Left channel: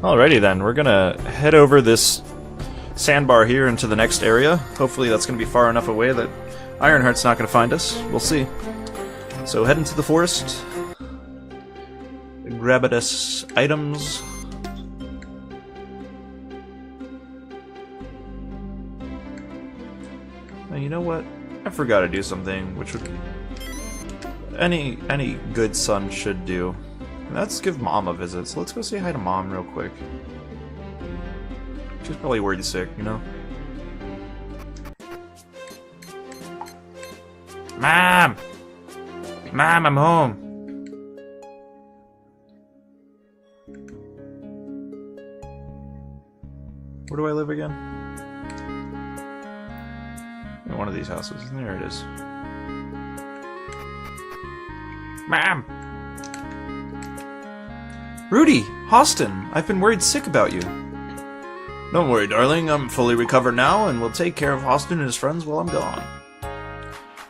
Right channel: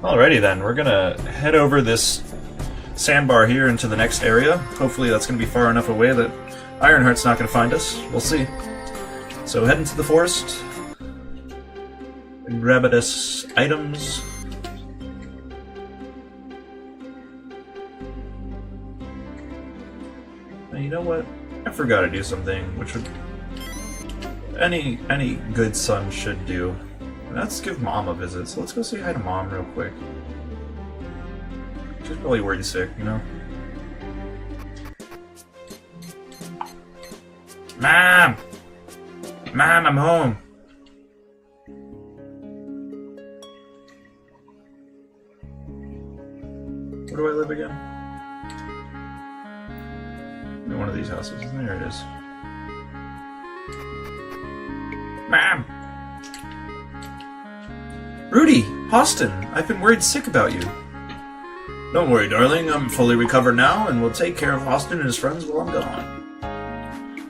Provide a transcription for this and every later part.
Alrighty then, we're gonna head over this sandbar here into the next area. Hopefully that's gonna be far enough away that Ironheart's not gonna find us. We'll see. So head into the forest, grab at us items. You know what? I forgot to do something, which would any good son should do. And that's give Mom a visit. So let's go say hi to Mom real quick. She's probably worried sick, you know? Mom! Mom, I'm home! Where do I live again? In one of these houses. There it is. Mom! Rudy! Austin! I've been worried sick about you. Don't worry, darling. I'm fully recovered now, and will take care of Austin and his friends while I'm gone.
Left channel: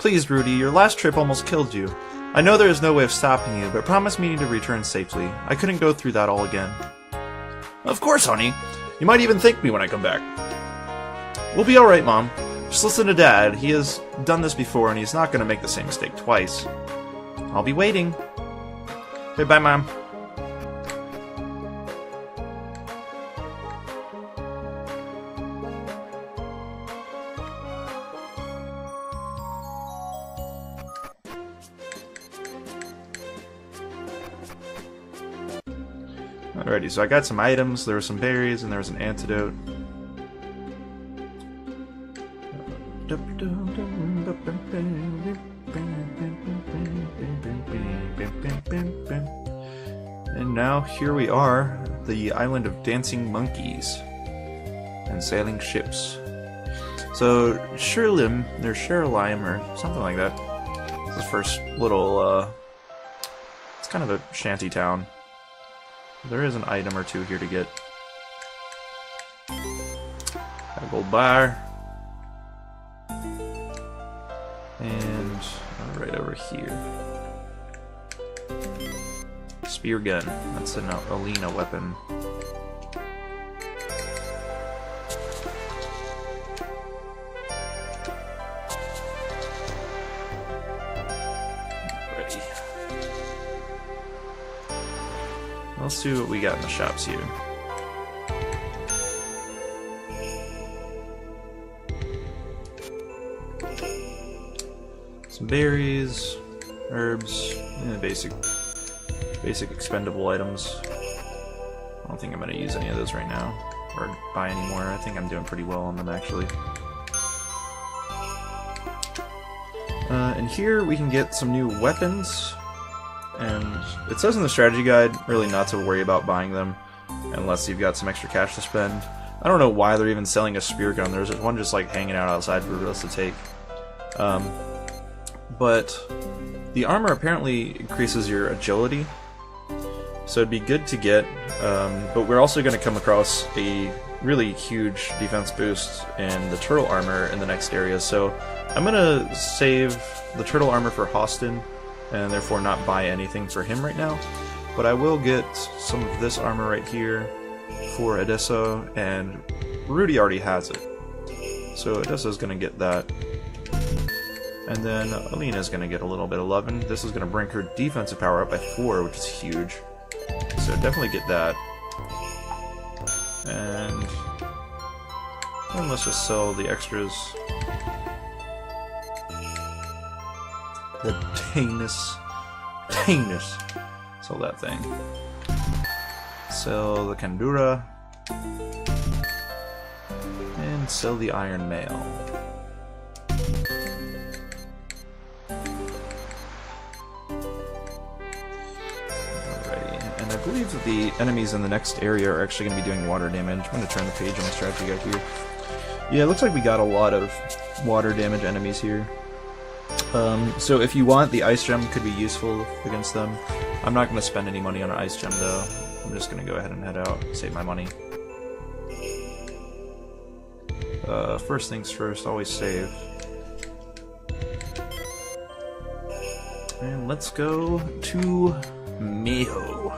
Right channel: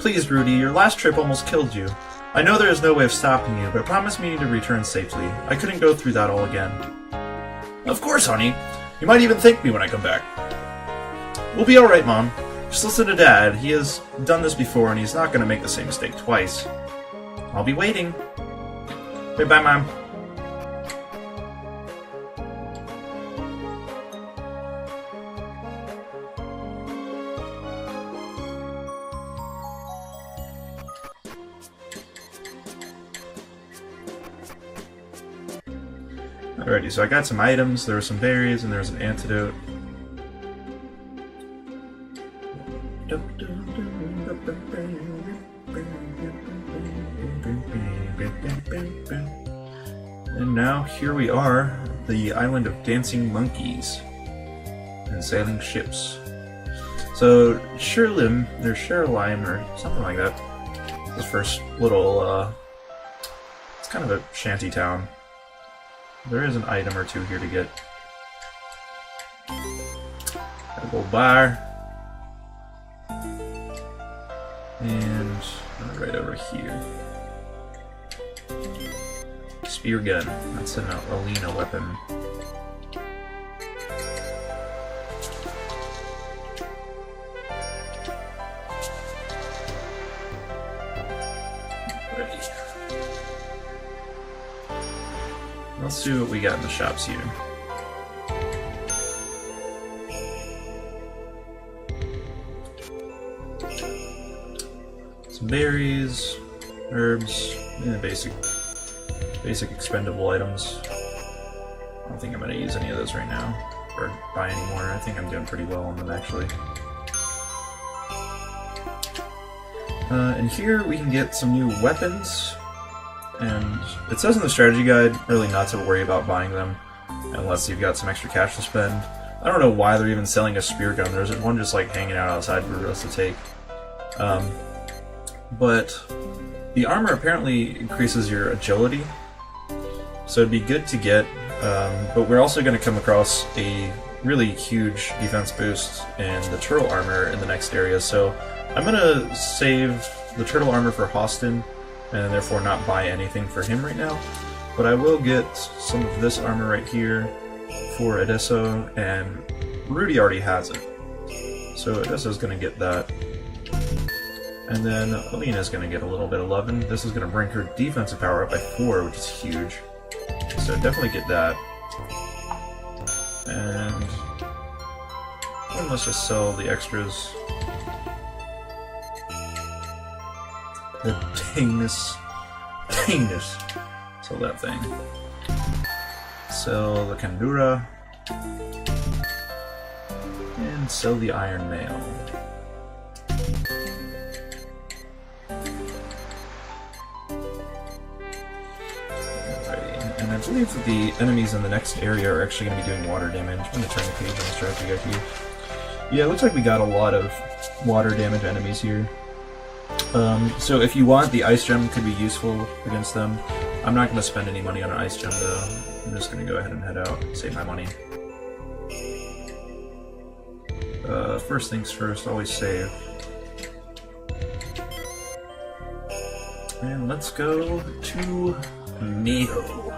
Please, Rudy, your last trip almost killed you. I know there is no way of stopping you, but promise me to return safely. I couldn't go through that all again. Of course, honey. You might even thank me when I come back. We'll be alright, Mom. Just listen to Dad. He has done this before, and he's not going to make the same mistake twice. I'll be waiting. Okay, bye, Mom. Alrighty, so I got some items, there were some berries, and there was an antidote. And now here we are, the island of dancing monkeys and sailing ships. So Sherlyme, or Sherlyme, or something like that. The first little, it's kind of a shanty town. There is an item or two here to get. Got a gold bar. And right over here. Spear gun. That's an Alina weapon. Let's see what we got in the shops here. Some berries, herbs, basic expendable items. I don't think I'm going to use any of those right now, or buy any more. I think I'm doing pretty well on them actually. And here we can get some new weapons. And it says in the strategy guide really not to worry about buying them unless you've got some extra cash to spend. I don't know why they're even selling a spear gun. There's one just like hanging out outside for us to take. But the armor apparently increases your agility, so it'd be good to get. But we're also going to come across a really huge defense boost in the turtle armor in the next area. So I'm going to save the turtle armor for Austin, and therefore not buy anything for him right now. But I will get some of this armor right here for Edessa, and Rudy already has it. So Edessa's going to get that. And then Alina's going to get a little bit of 11. This is going to bring her defensive power up by 4, which is huge. So definitely get that. And let's just sell the extras. The Tanus. Sell that thing. Sell the Kandura. And sell the Iron Mail. Alrighty. And I believe that the enemies in the next area are actually going to be doing water damage. I'm going to turn the page on the strategy guide here. Yeah, it looks like we got a lot of water damage enemies here. So if you want, the ice gem could be useful against them. I'm not going to spend any money on an ice gem though. I'm just going to go ahead and head out, save my money. First things first, always save. And let's go to Meho.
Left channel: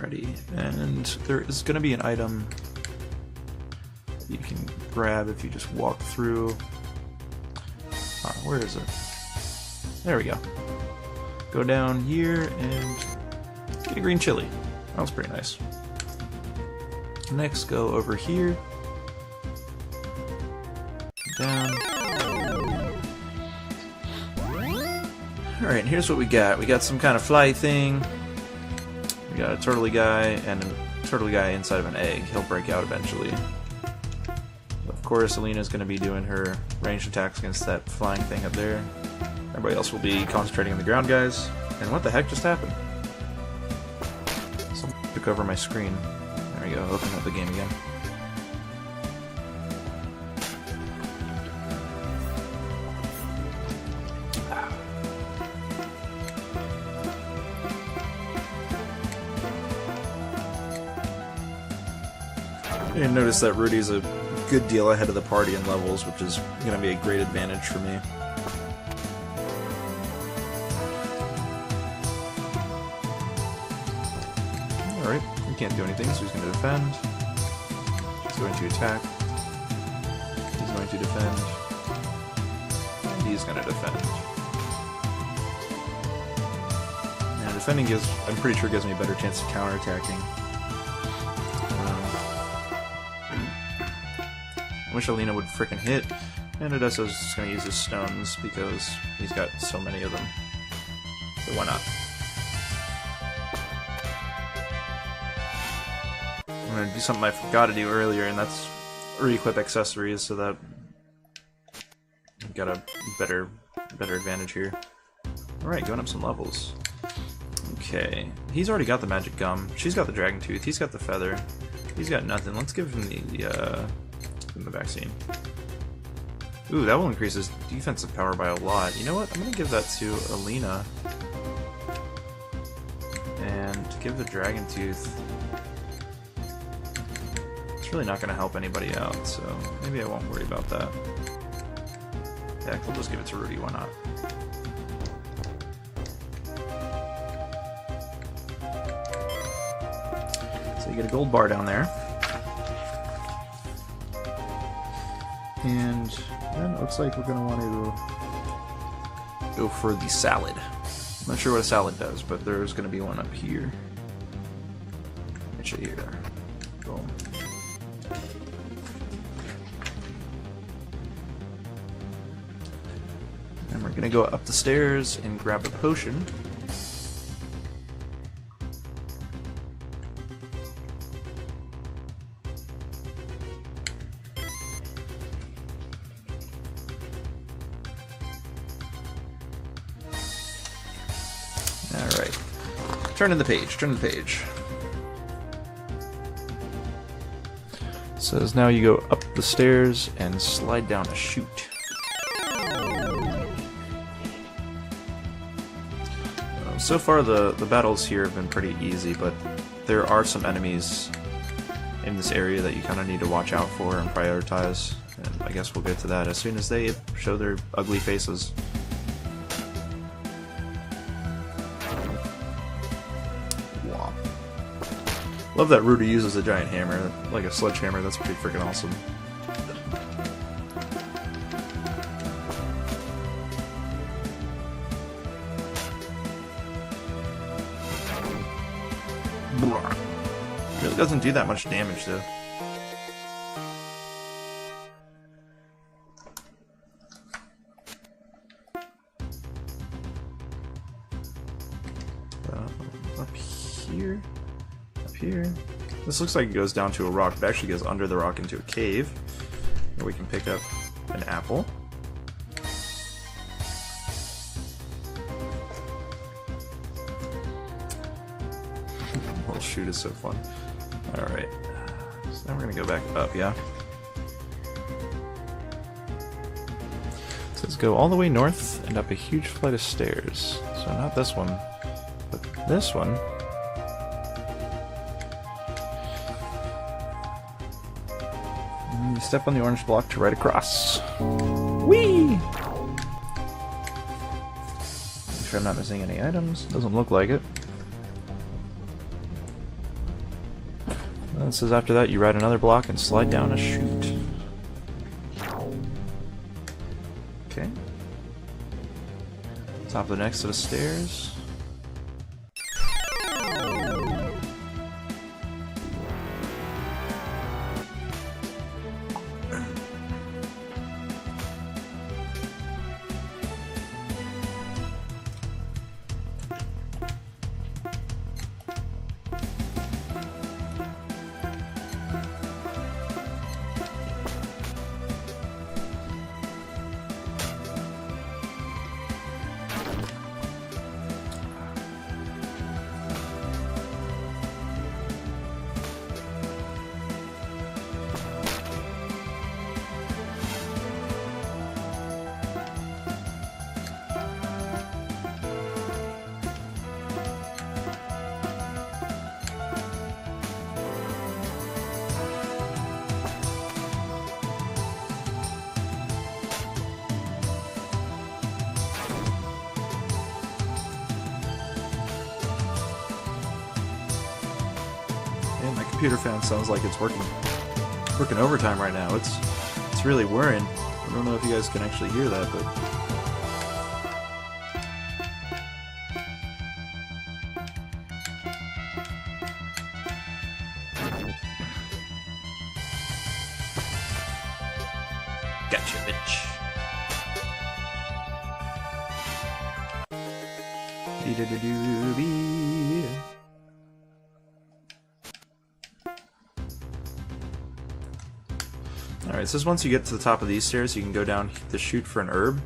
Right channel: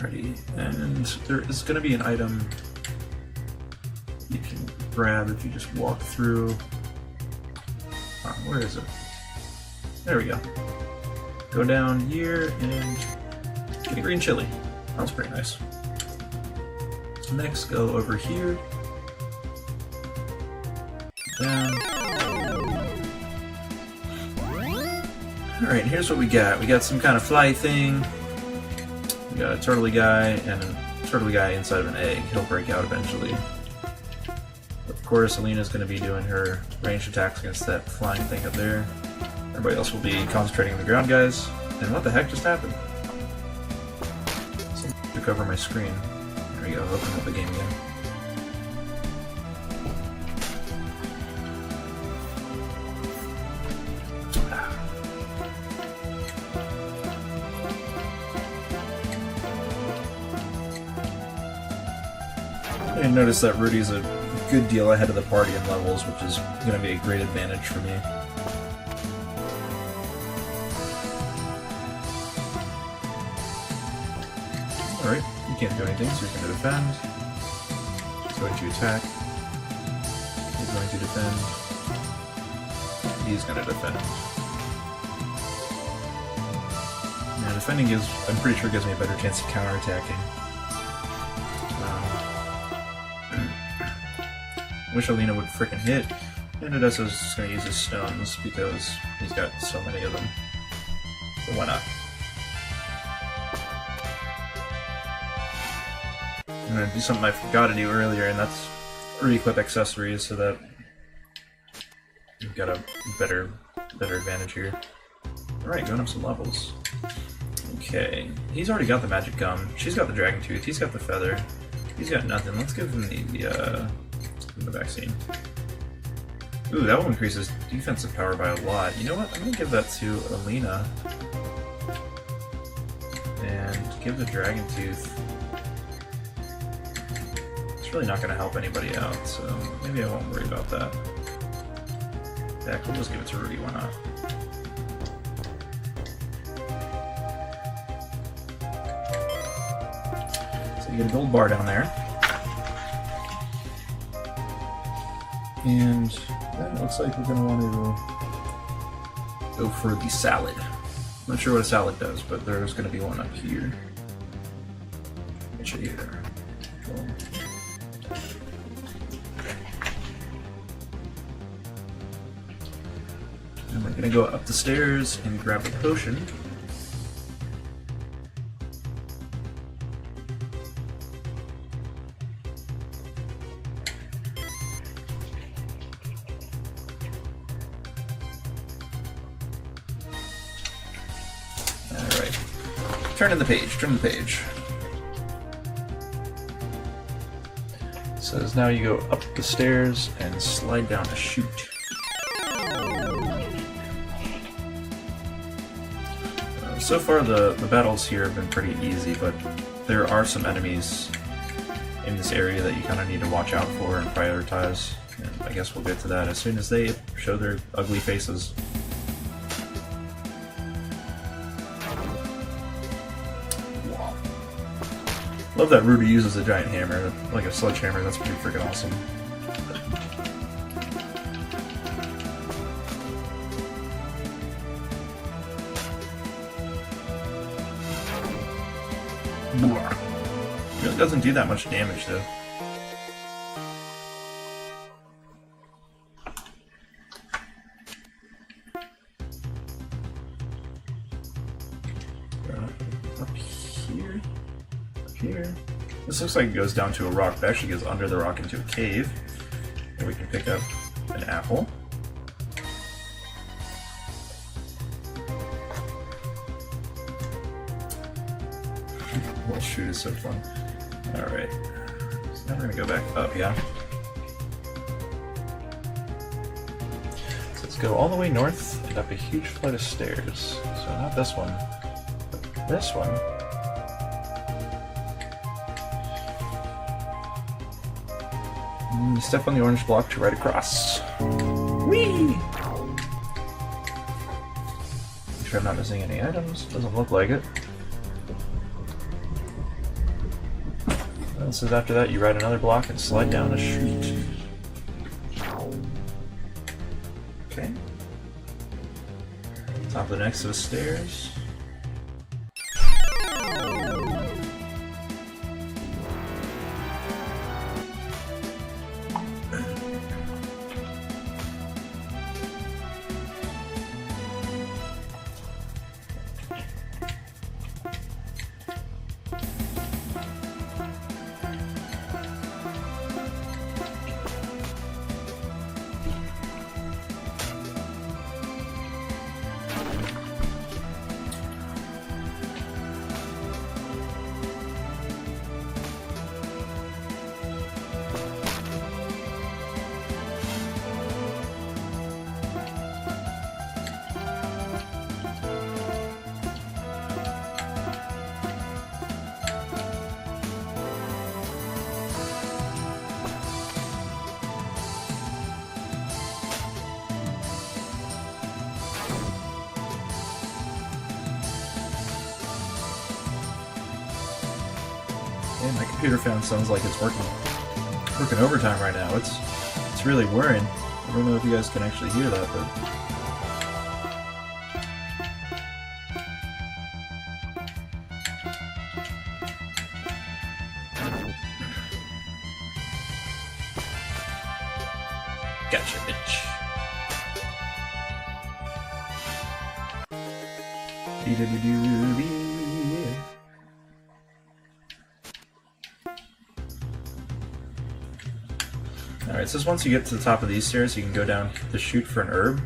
Alrighty, and there is going to be an item you can grab if you just walk through. Where is it? There we go. Go down here and get a green chili. That was pretty nice. Next, go over here. Down. Alright, here's what we got. We got some kind of fly thing. We got a turtley guy and a turtley guy inside of an egg. He'll break out eventually. Of course, Alina's going to be doing her ranged attacks against that flying thing up there. Everybody else will be concentrating on the ground guys. And what the heck just happened? Someone took over my screen. There we go, open up the game again. I noticed that Rudy's a good deal ahead of the party in levels, which is going to be a great advantage for me. Alright, he can't do anything, so he's going to defend. He's going to attack. He's going to defend. And he's going to defend. Now, defending gives, I'm pretty sure, gives me a better chance of counterattacking. I wish Alina would frickin' hit, and Odessa's just gonna use his stones because he's got so many of them. So why not? I'm gonna do something I forgot to do earlier, and that's re-equip accessories so that we've got a better advantage here. Alright, going up some levels. Okay, he's already got the magic gum. She's got the dragon tooth. He's got the feather. He's got nothing. Let's give him the vaccine. Ooh, that will increases defensive power by a lot. You know what? I'm gonna give that to Alina. And give the dragon tooth. It's really not gonna help anybody out, so maybe I won't worry about that. Yeah, we'll just give it to Rudy, why not? So you get a gold bar down there. And then it looks like we're going to want to go for the salad. I'm not sure what a salad does, but there's going to be one up here. Here. Boom. And we're going to go up the stairs and grab a potion. Alright. Turn the page. It says now you go up the stairs and slide down a chute. So far the battles here have been pretty easy, but there are some enemies in this area that you kind of need to watch out for and prioritize. And I guess we'll get to that as soon as they show their ugly faces. Love that Rudy uses a giant hammer, like a sledgehammer. That's pretty freaking awesome. It doesn't do that much damage though. Here. This looks like it goes down to a rock, but actually goes under the rock into a cave. Where we can pick up an apple. Well, shoot is so fun. Alright. So now we're gonna go back up, yeah? So let's go all the way north and up a huge flight of stairs. So not this one, but this one. You step on the orange block to ride across. Whee! Make sure I'm not missing any items. Doesn't look like it. And it says after that you ride another block and slide down a chute. Okay. Top of the next set of stairs. And my computer fan sounds like it's working overtime right now. It's really whirring. I don't know if you guys can actually hear that, but gotcha, bitch. Alright, so once you get to the top of these stairs, you can go down the chute for an herb.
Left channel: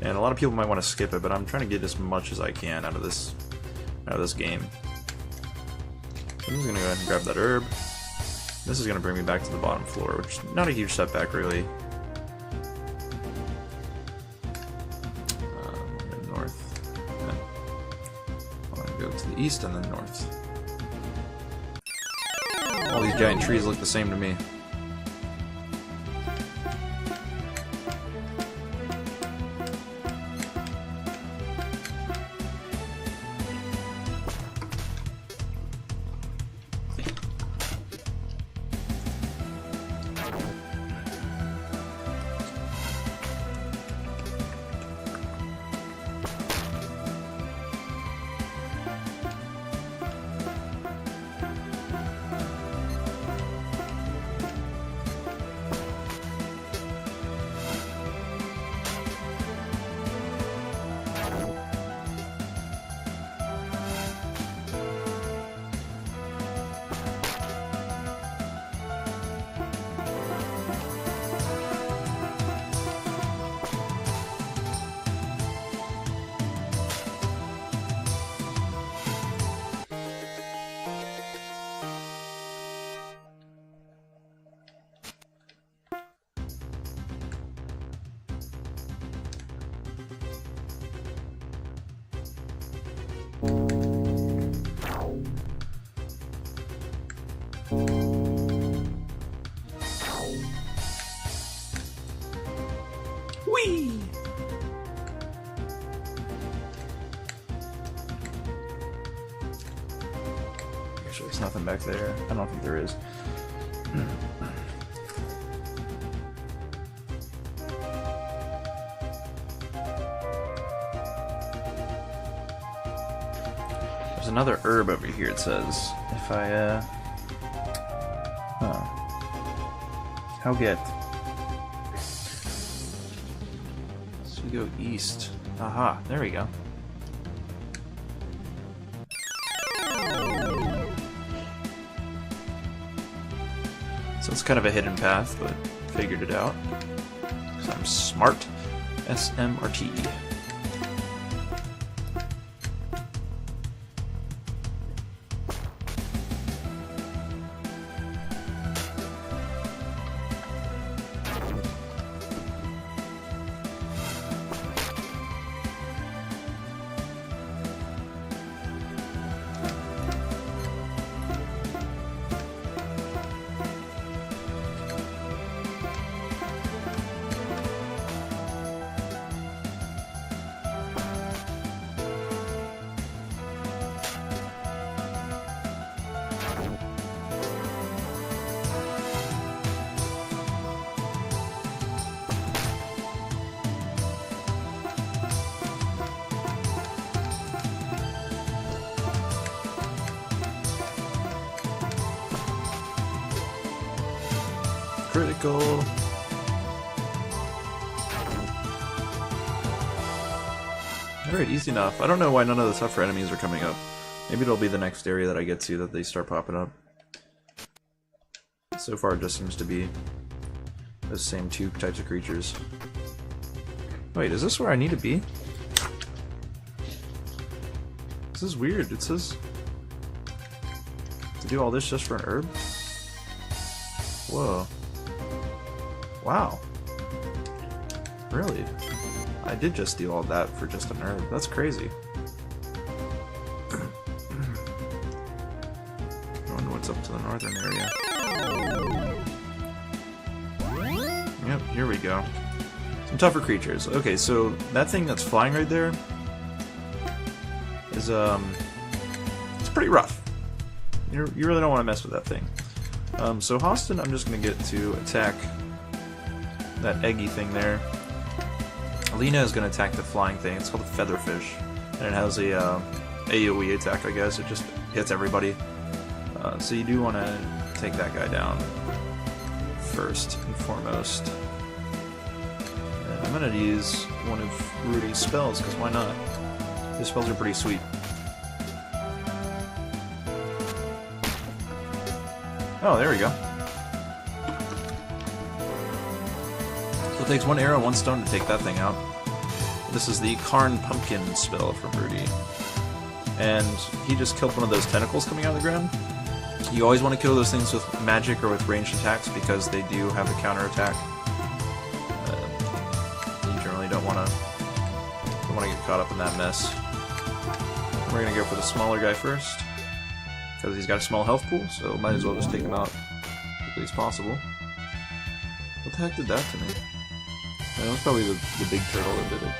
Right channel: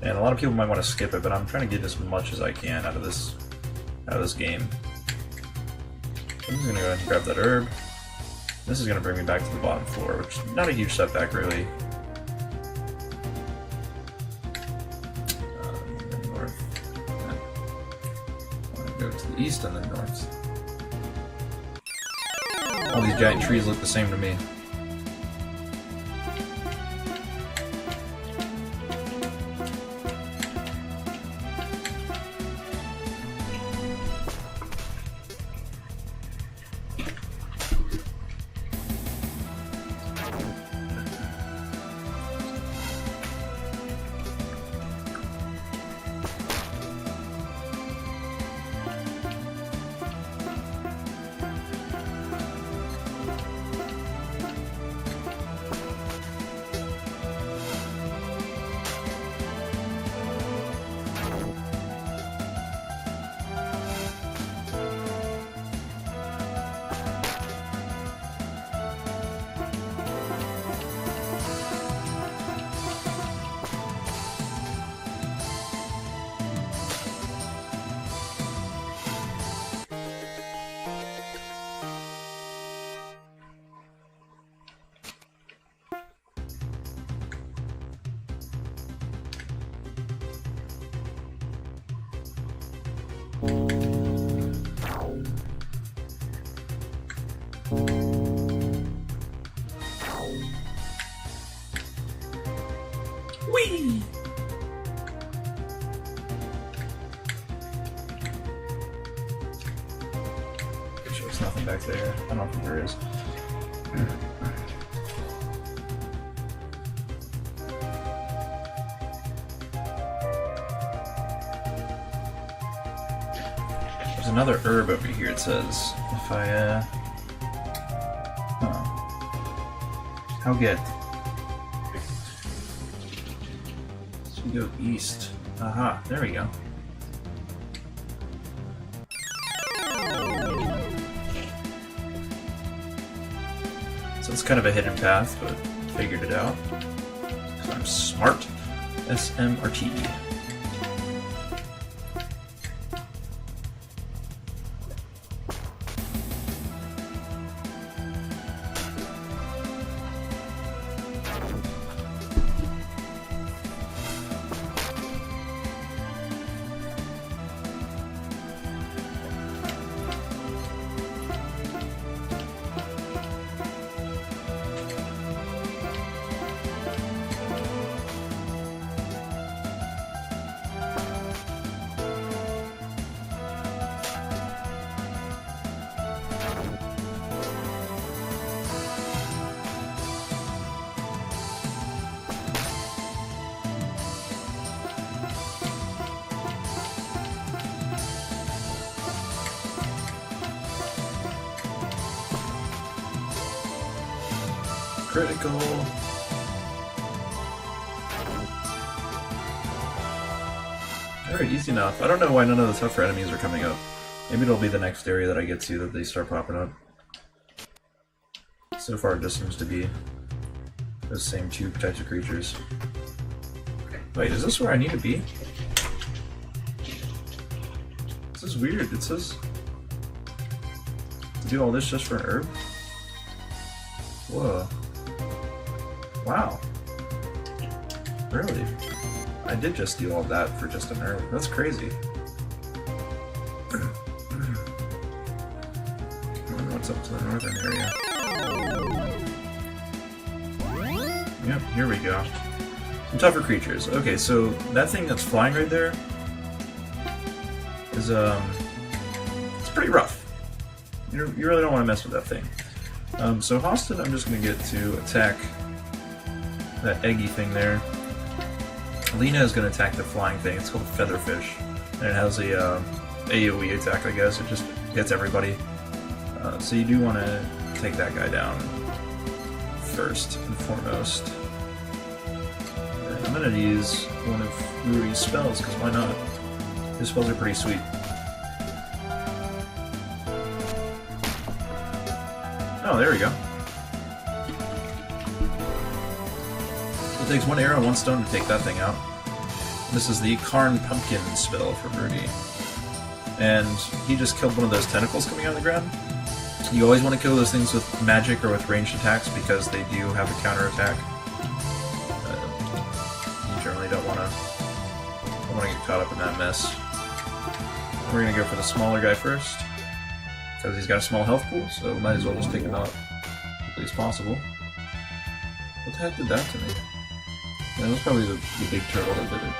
And a lot of people might want to skip it, but I'm trying to get as much as I can out of this game. So I'm just going to go ahead and grab that herb. This is going to bring me back to the bottom floor, which is not a huge setback, really. The north. I want to go to the east and then north. All these giant trees look the same to me. Whee! There's nothing back there. I don't think there is. There's another herb over here, it says. If I, How get? So we go east. Aha, there we go. So it's kind of a hidden path, but figured it out. So I'm smart. SMRT. critical. Alright, easy enough. I don't know why none of the tougher enemies are coming up. Maybe it'll be the next area that I get to that they start popping up. So far it just seems to be those same two types of creatures. Wait, is this where I need to be? This is weird. It says to do all this just for an herb? Whoa. Wow. Really? I did just do all that for just an herb. That's crazy. I wonder what's up to the northern area. Yep, here we go. Some tougher creatures. Okay, so that thing that's flying right there is, it's pretty rough. You really don't want to mess with that thing. So Austin, I'm just going to get to attack that eggy thing there. Alina is going to attack the flying thing. It's called a featherfish. And it has a AoE attack, I guess. It just hits everybody. So you do want to take that guy down first and foremost. And I'm going to use one of Rudy's spells, because why not? His spells are pretty sweet. Oh, there we go. So it takes one arrow, one stone to take that thing out. This is the Karn Pumpkin spell for Rudy. And he just killed one of those tentacles coming out of the ground. You always want to kill those things with magic or with ranged attacks because they do have a counterattack. You generally don't want to get caught up in that mess. We're going to go for the smaller guy first, because he's got a small health pool, so might as well just take him out as quickly as possible. What the heck did that to me? Yeah, that was probably the big turtle that did it.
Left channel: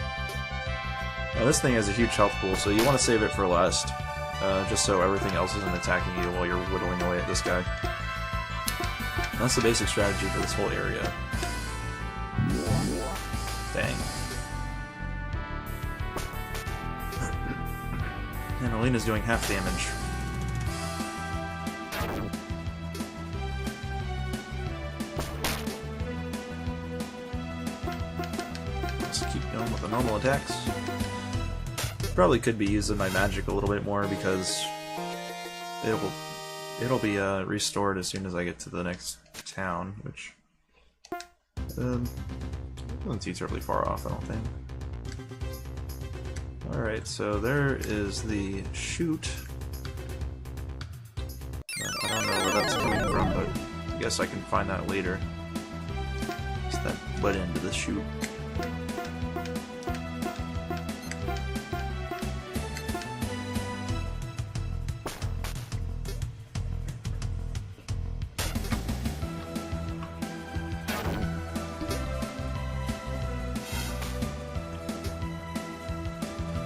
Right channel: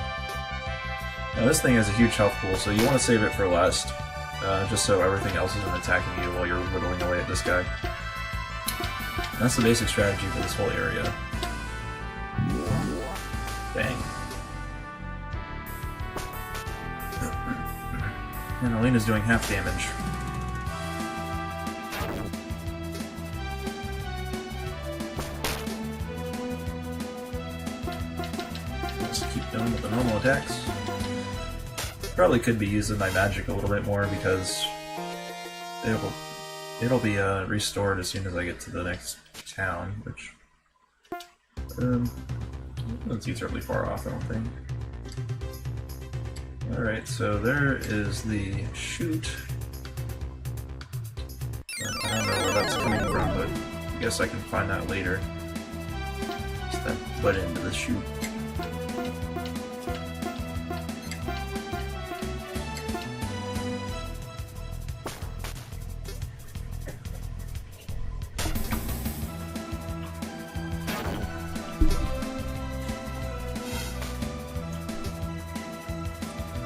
Now this thing has a huge health pool, so you want to save it for last, just so everything else isn't attacking you while you're whittling away at this guy. And that's the basic strategy for this whole area. Dang. And Alina's doing half damage. Going with the normal attacks. Probably could be using my magic a little bit more because it'll be restored as soon as I get to the next town, which isn't too terribly far off, I don't think. Alright, so there is the chute. I don't know where that's coming from, but I guess I can find that later. Just then put into the chute.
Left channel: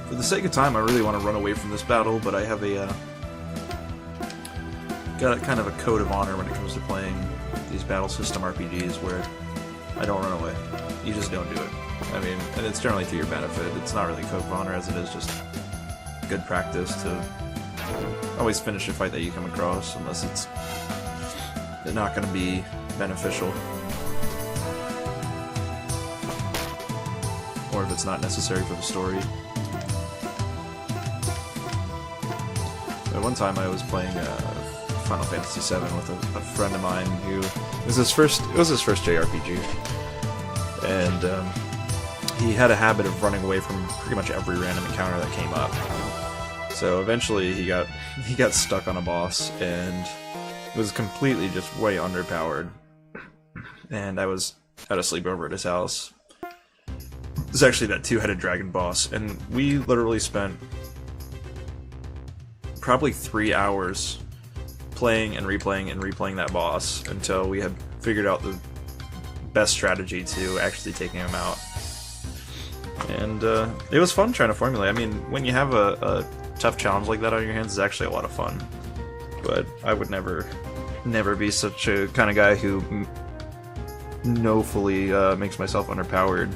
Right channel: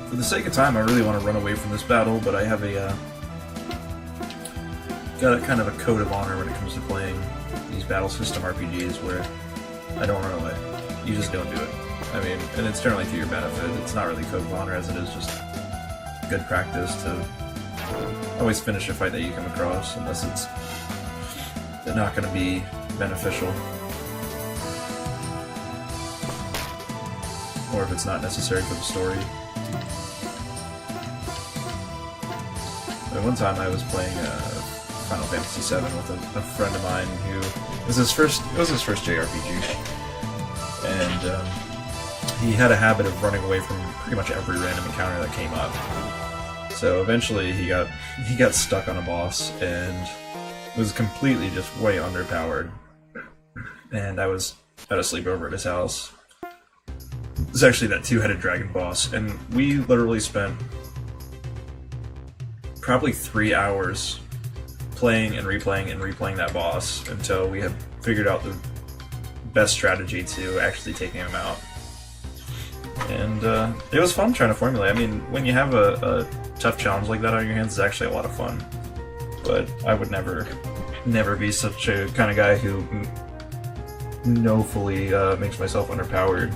For the sake of time, I really want to run away from this battle, but I have got a kind of a code of honor when it comes to playing these battle system RPGs where I don't run away. You just don't do it. I mean, and it's generally to your benefit. It's not really code of honor as it is just good practice to always finish a fight that you come across, unless it's not going to be beneficial. Or if it's not necessary for the story. One time I was playing Final Fantasy VII with a friend of mine who it was his first JRPG, and he had a habit of running away from pretty much every random encounter that came up. So eventually he got stuck on a boss and was completely just way underpowered. And I was at a sleepover at his house. It was actually that two-headed dragon boss, and we literally spent probably 3 hours playing and replaying that boss until we had figured out the best strategy to actually taking him out. And it was fun trying to formulate. I mean, when you have a tough challenge like that on your hands, it's actually a lot of fun. But I would never be such a kind of guy who knowfully makes myself underpowered.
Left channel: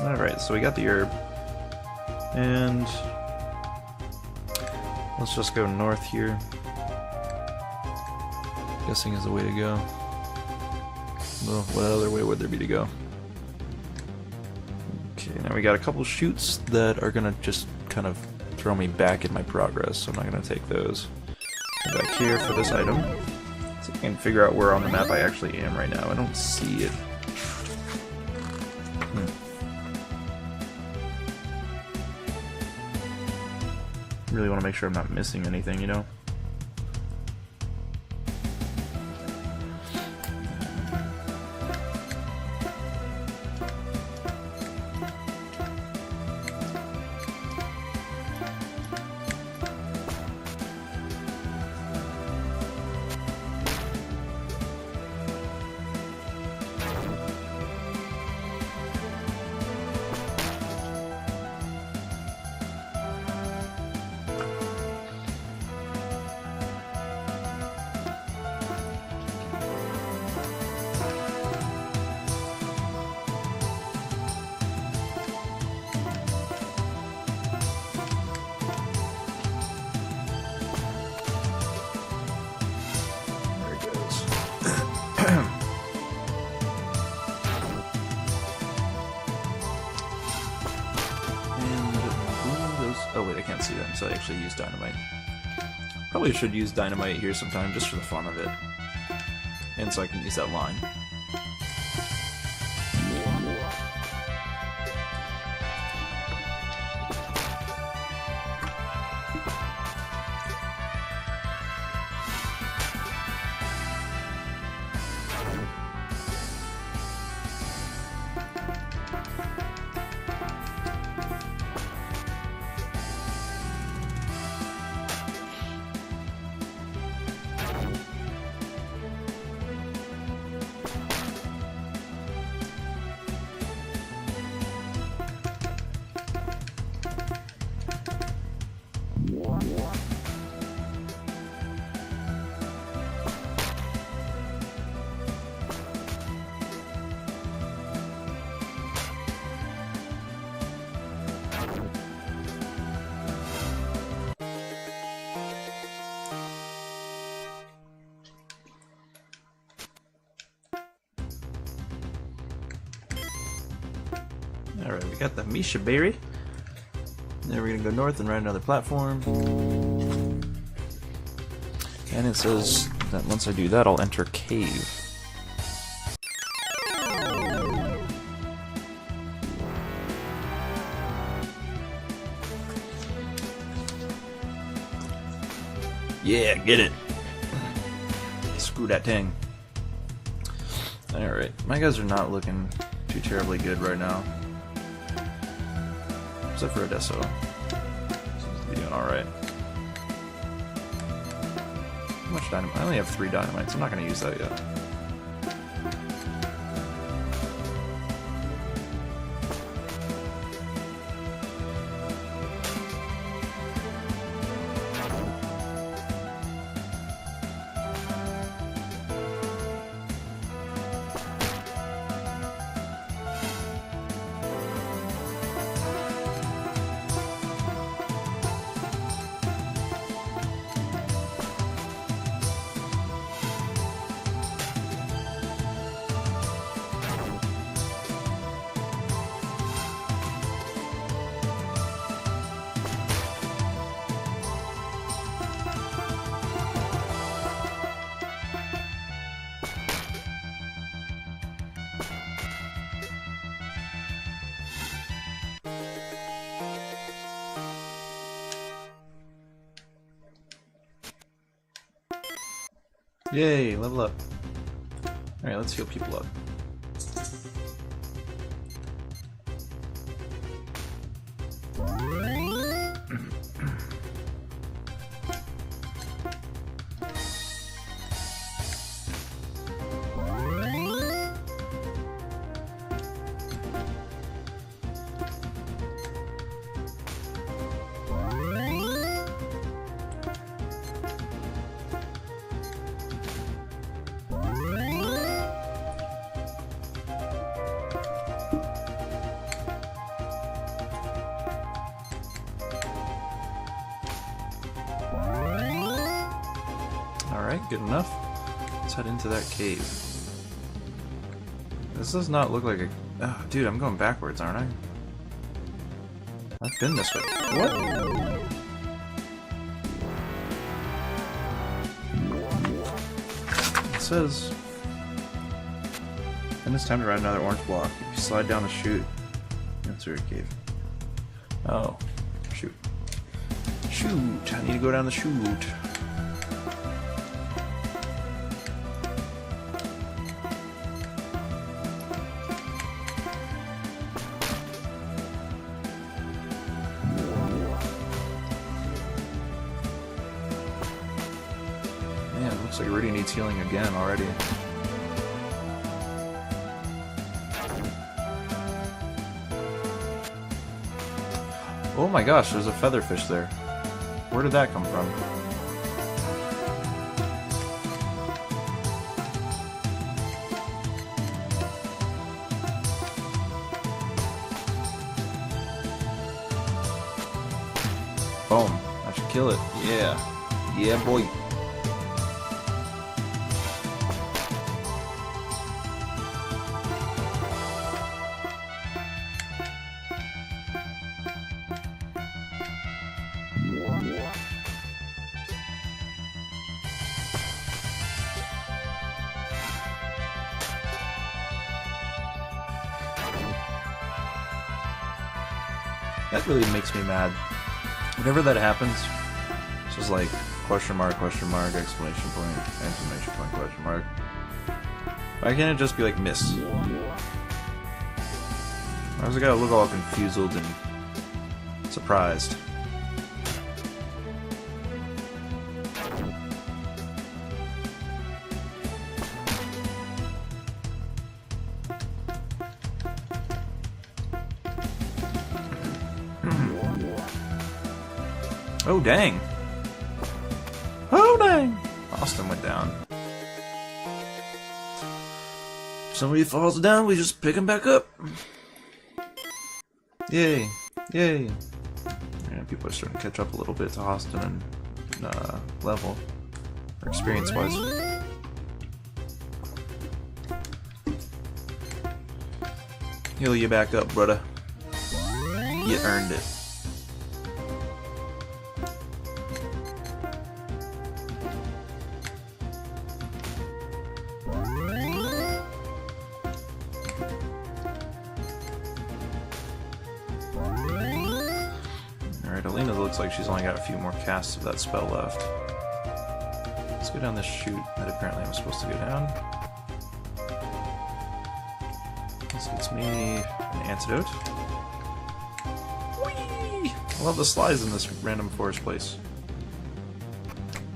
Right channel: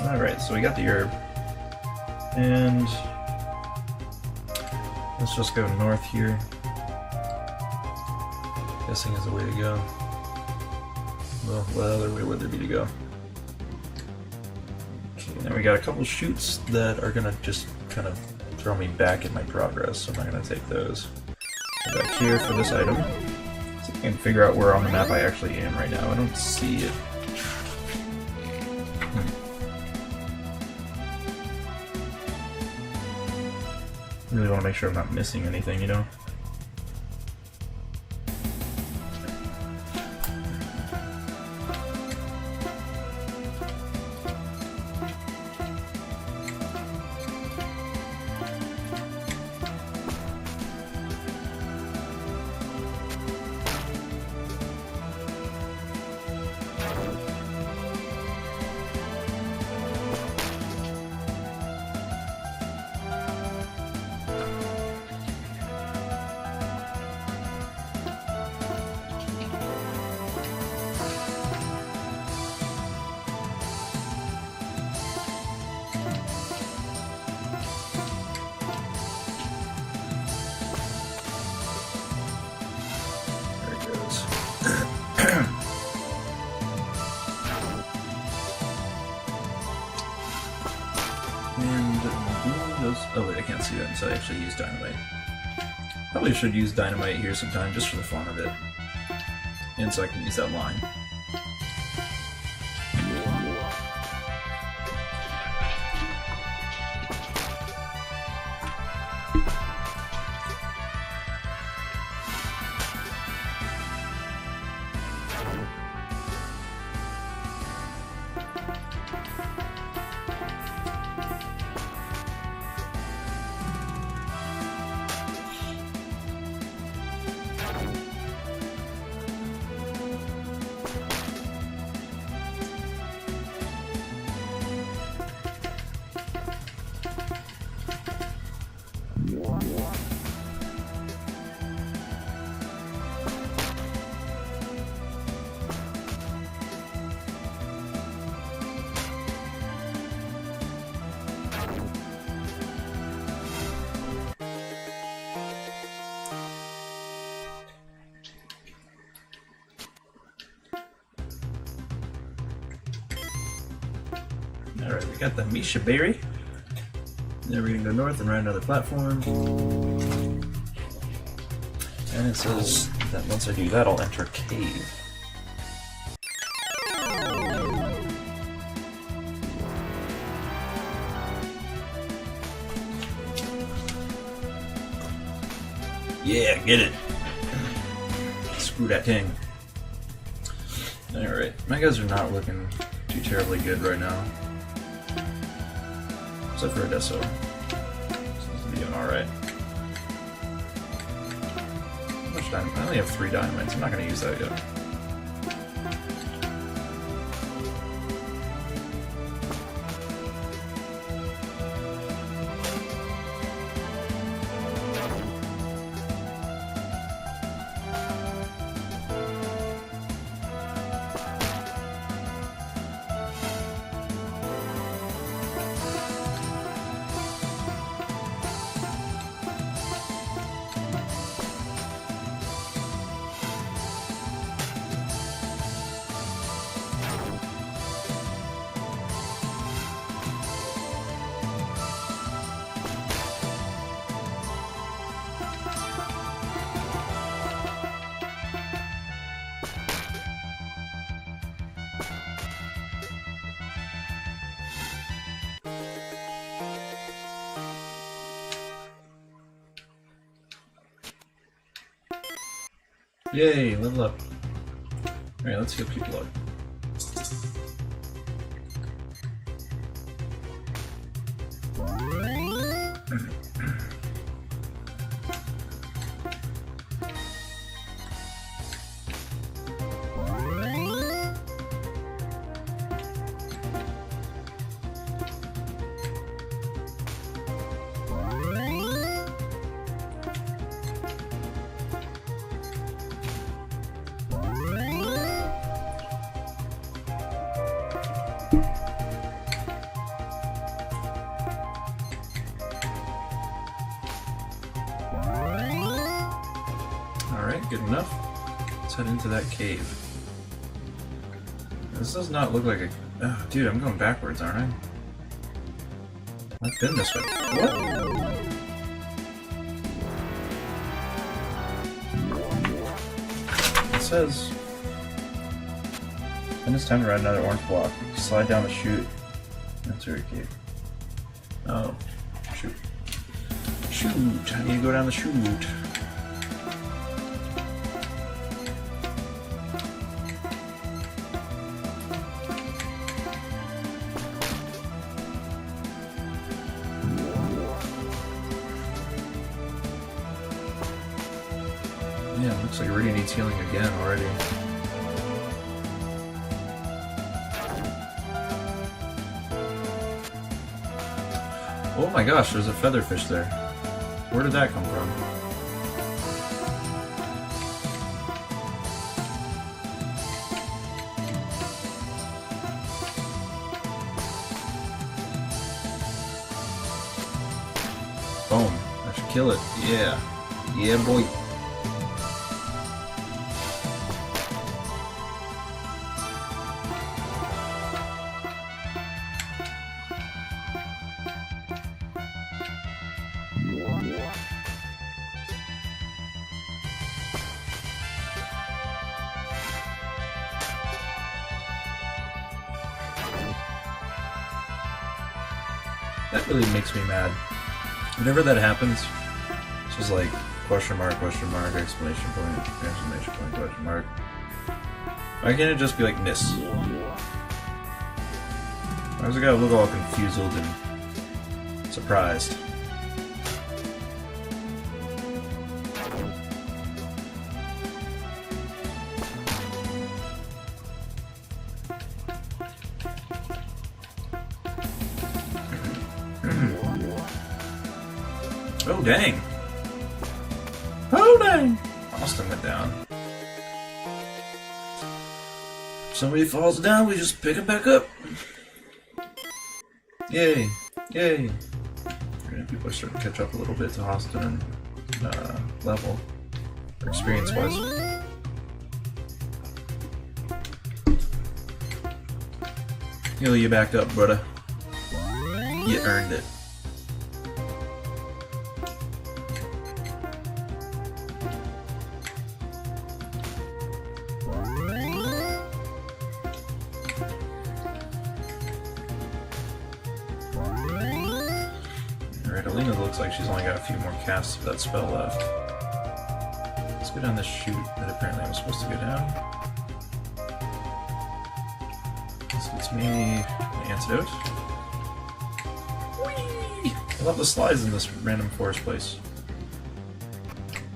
Alright, so we got the herb. And let's just go north here. Guessing is the way to go. Well, what other way would there be to go? Okay, now we got a couple chutes that are gonna just kind of throw me back in my progress, so I'm not gonna take those. Go back here for this item. See if I can figure out where on the map I actually am right now. I don't see it. Really want to make sure I'm not missing anything, you know? Oh wait, I can't see that until I actually use dynamite. Probably should use dynamite here sometime just for the fun of it. And so I can use that line. Alright, we got the Misha Berry. Then we're gonna go north and ride another platform. And it says that once I do that, I'll enter cave. Yeah, get it. Screw that thing. Alright, my guys are not looking too terribly good right now. Except for Odesso. Seems to be doing alright. How much dynamite? I only have 3 dynamites. I'm not going to use that yet. Yay, level up. Alright, let's get people up. Alright, good enough. cut into that cave. This does not look like a... Oh, dude, I'm going backwards, aren't I? I've been this way. What? It says... Then it's time to ride another orange block. Slide down the chute. That's where cave. Oh. Shoot. Shoot! I need to go down the chute. Man, looks like it really needs healing again already. Oh my gosh, there's a featherfish there. Where did that come from? Boom. I should kill it. Yeah. Yeah, boy. That really makes me mad. Whenever that happens, it's just like question mark, exclamation point, question mark. Why can't it just be like miss? Why does it gotta look all confused and surprised? Oh dang! Oh dang! Austin went down. If somebody falls down, we just pick him back up. Yay! Yay! Yeah, people are starting to catch up a little bit to Austin level, or experience-wise. Heal you back up, brother. You earned it. Alright, Alina looks like she's only got a few more casts of that spell left. Let's go down this chute that apparently I'm supposed to go down. This gets me an antidote. Whee! I love the slides in this random forest place.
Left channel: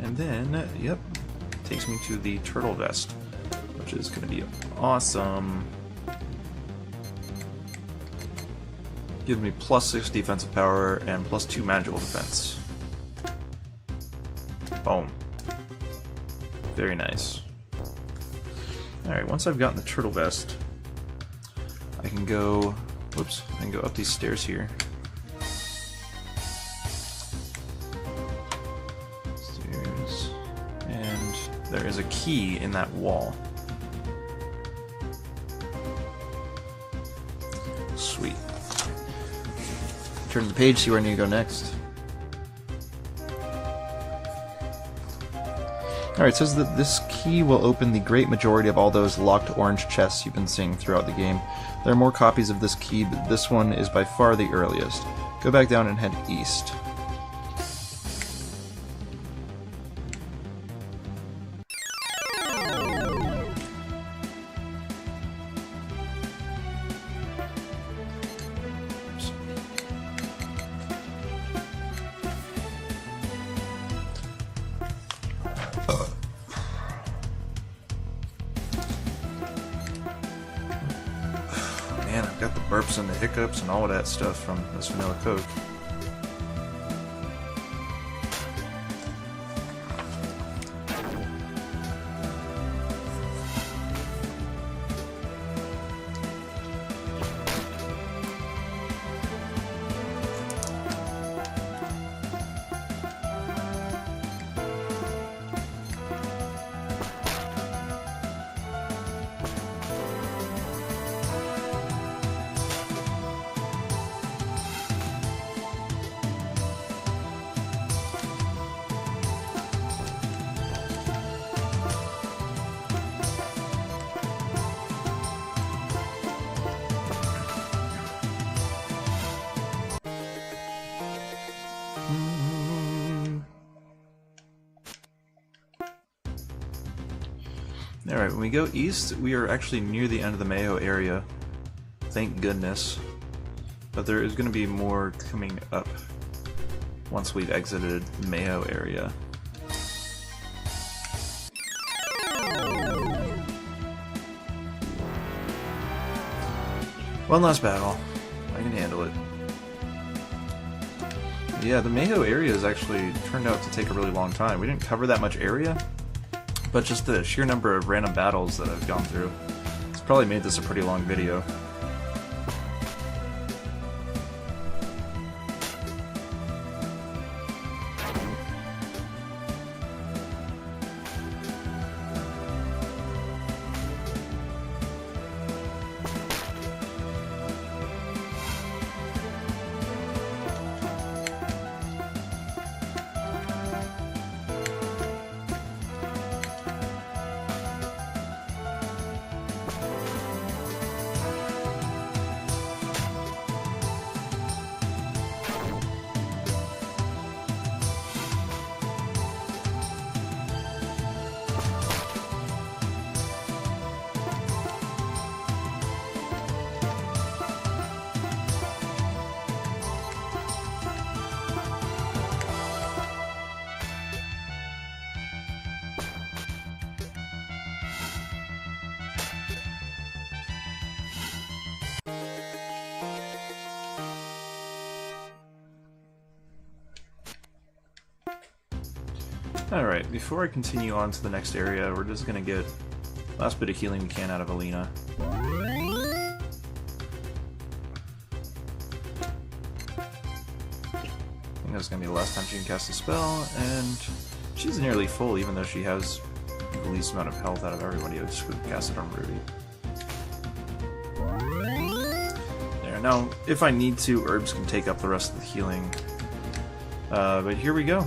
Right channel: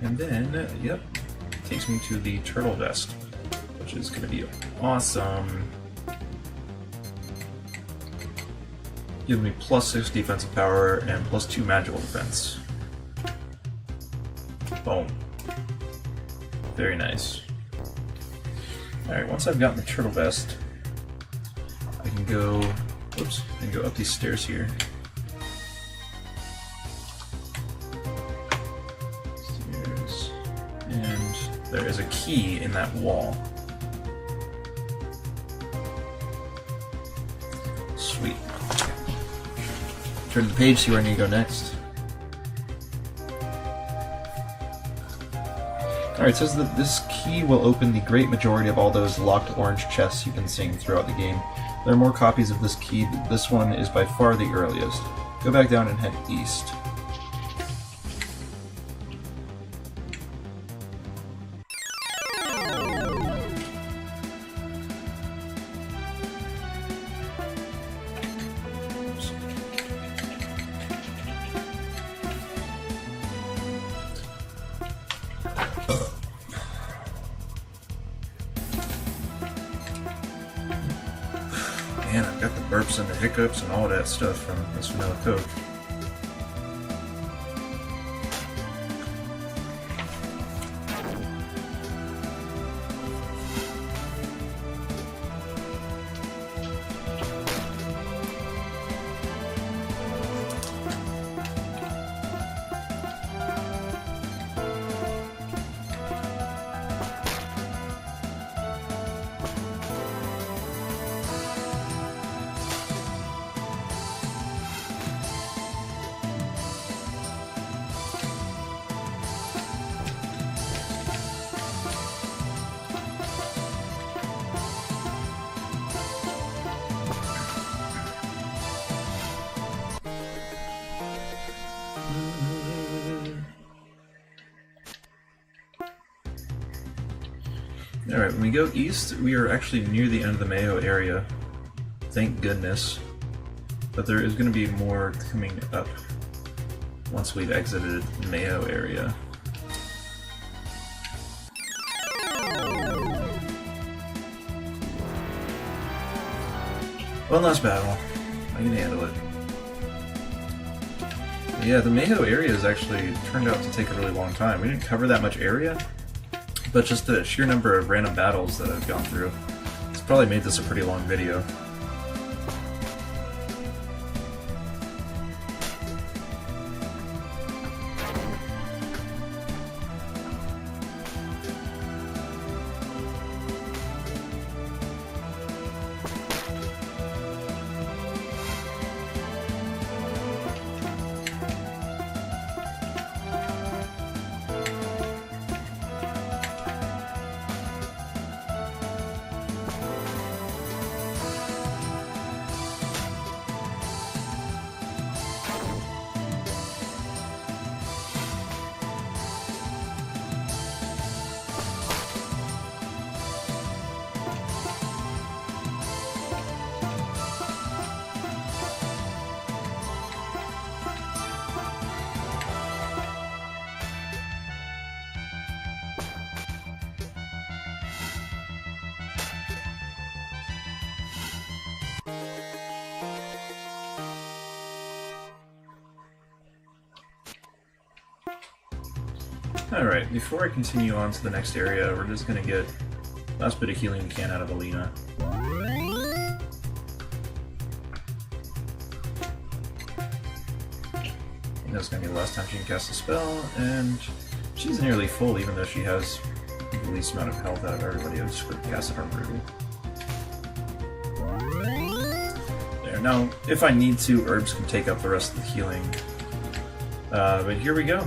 And then, yep, takes me to the turtle vest, which is going to be awesome. Give me +6 defensive power and +2 magical defense. Boom. Very nice. Alright, once I've gotten the turtle vest, I can go... Whoops, I can go up these stairs here. Stairs. And there is a key in that wall. Sweet. Turn to the page, see where I need to go next. Alright, it says that this key will open the great majority of all those locked orange chests you've been seeing throughout the game. There are more copies of this key, but this one is by far the earliest. Go back down and head east. Man, I've got the burps and the hiccups and all of that stuff from this vanilla Coke. Alright, when we go east, we are actually near the end of the Meho area. Thank goodness. But there is going to be more coming up once we've exited the Meho area. One last battle. I can handle it. Yeah, the Meho area has actually turned out to take a really long time. We didn't cover that much area, but just the sheer number of random battles that I've gone through, it's probably made this a pretty long video. Alright, before I continue on to the next area, we're just gonna get the last bit of healing we can out of Alina. I think that's gonna be the last time she can cast a spell, and she's nearly full even though she has the least amount of health out of everybody who's casted her Ruby. There, now, if I need to, herbs can take up the rest of the healing. But here we go.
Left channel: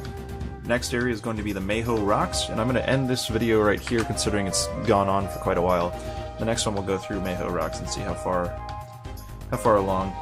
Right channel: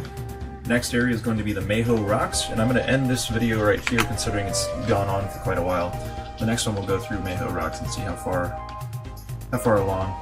Next area is going to be the Meho Rocks, and I'm going to end this video right here considering it's gone on for quite a while. The next one we'll go through Meho Rocks and see how far along